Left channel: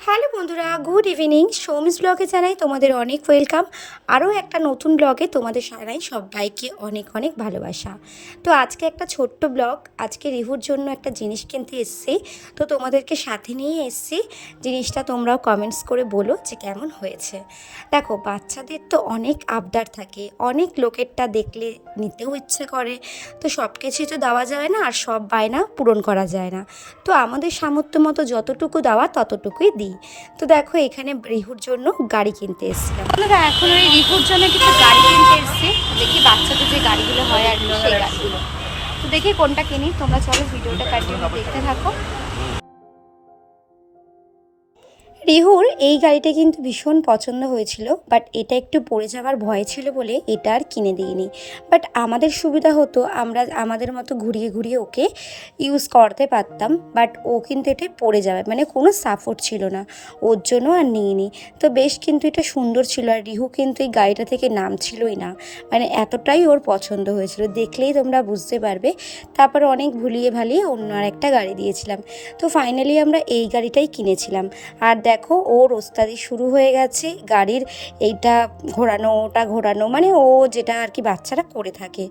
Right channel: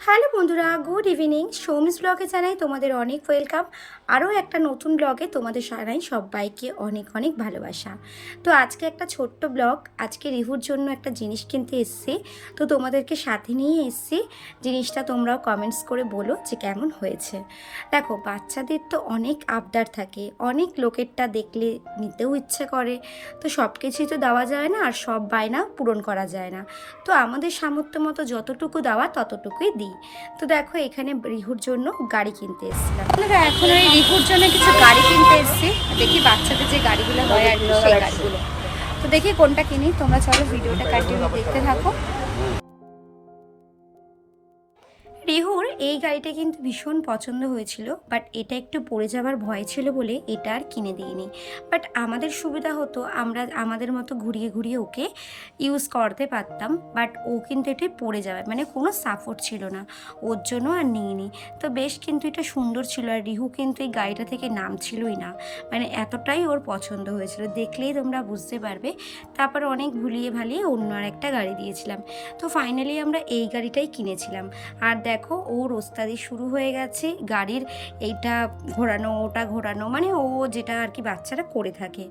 Hello বন্ধুরা, good evening. Soumi's ব্লগে জানাই তোমাদের অনেক ওয়েলকাম। আরও একটা নতুন ব্লগে তোমাদের জানাই সবাইকে অনেক অনেক ভালোবাসা। তো আজকে একটা ছোট্ট ব্লগ। আজকে রিহুর জন্য একটা জিনিস কিনতে এসেছি, তো তোমাদেরকে সাথে নিয়ে এসেছি। জিনিসটা তোমরাও কমেন্টস করে বলো যে কেমন হয়েছে। দেখো, বাচ্চাদের তো অনেক আবদার থাকে, অনেক লোকেরটা দেখলে নিতেও ইচ্ছে করে। তো সব কিছুই তো দেওয়া যায় না, আর সব বায়না পূরণ করা যায় না। তো আমাদের সামর্থ্য মতো যতটুকু দেওয়া ততটুকুই দিই। তো দেখো, এখানে রিহুর জন্য গাড়ি কিনতে এসেছিলাম। বন্ধুরা, এখন ওই রিহুর জন্য কিছু গাড়ি কিনতে এসেছি। দেখি বাচ্চাদের যে গাড়িগুলো হয় আর কি, সেই গাড়িগুলো। তো দেখি কোনটা কিনি। তোমরা চলো ভিডিওটা কন্টিনিউ দেখতে থাকো। রিহুর এই গাড়িটা কিন্তু ভীষণ পছন্দ হয়েছিল, বাট এটা একটু পড়ে যাওয়ার ভয় ছিল বলে এটা আর কিনে দিইনি। বাট আমাদের সুবিধা হতো, আমরা আমাদের মতো ঘুরিয়ে ঘুরিয়ে ওকে ইউজ করতে পারতাম। বাট ও কিন্তু এটা পড়ে যাবে, মানে কোনো সাপোর্ট ছিল না, ওর জন্য আর নিইনি। তো বেশ কিন্তু এটা সুন্দর ছিল, আর রিহু কিন্তু এই গাড়িটা থেকে নামছিলই না, মানে এতটাই ওর পছন্দ হয়েছিল, দেখলেই তোমরা বুঝতে পারবে। তারপর অনেক ভুলিয়ে ভালিয়ে অন্য আর একটা গাড়ি দিয়েছিলাম। তো ফাইনালি আমরা এই গাড়িটাই কিনেছিলাম। আর দেখো, ওর ওস্তাদি শুরু হয়ে গেছে গাড়ির এইটা ঘোরানো ওটা ঘোরানো, মানে ও যেটা আর কি বাচ্চারা করে থাকে,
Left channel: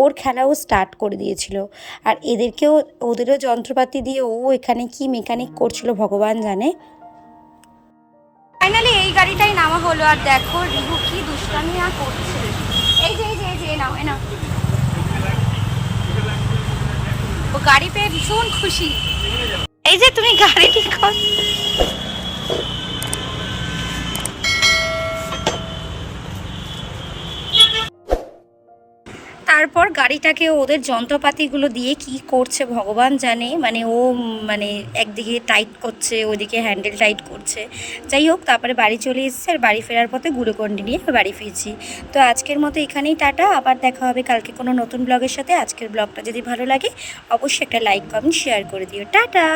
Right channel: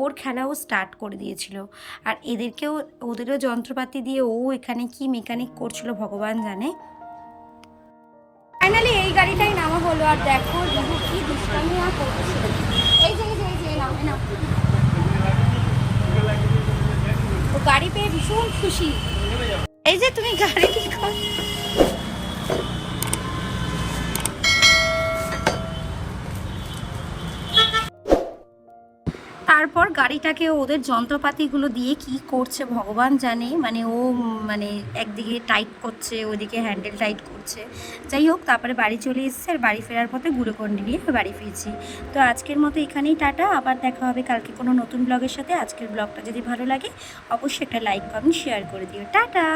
ওর খেলা ও স্টার্ট করে দিয়েছিল। আর এদেরকেও, ওদেরও যন্ত্রপাতি দিয়ে ও এখানে কি মেকানিক করছিল ভগবান জানে। ফাইনালি এই গাড়িটাই নামা হলো। আর দেখো রিহু কি দুষ্টামি আর করছে। এই যে নাও, এ নাও। ও গাড়ি পেয়ে ভীষণ খুশি। এই যে তুমি গাড়ি ঠিক কর। তারপর গাড়িটাকে ওদের যন্ত্রপাতিগুলো দিয়ে কি করছে ভগবান জানে, মানে ও মানে একদিকে টাইট করছে, ওদিকে হ্যান্ডেল টাইট করছে। যাই হোক, তারপরে বাড়ি চলে এসেছে, আর বাড়ি ফেরার পথে গ্লুকন্ডি নিয়ে বাড়ি ফিরছি। তো আজকের মতো এখানেই টাটা, আবার দেখা হবে কালকে কোনো নতুন ব্লগের সাথে। আজকের ব্লগটা যদি ভালো লাগে অবশ্যই একটা লাইক কমেন্ট শেয়ার করে দিও। টাটা।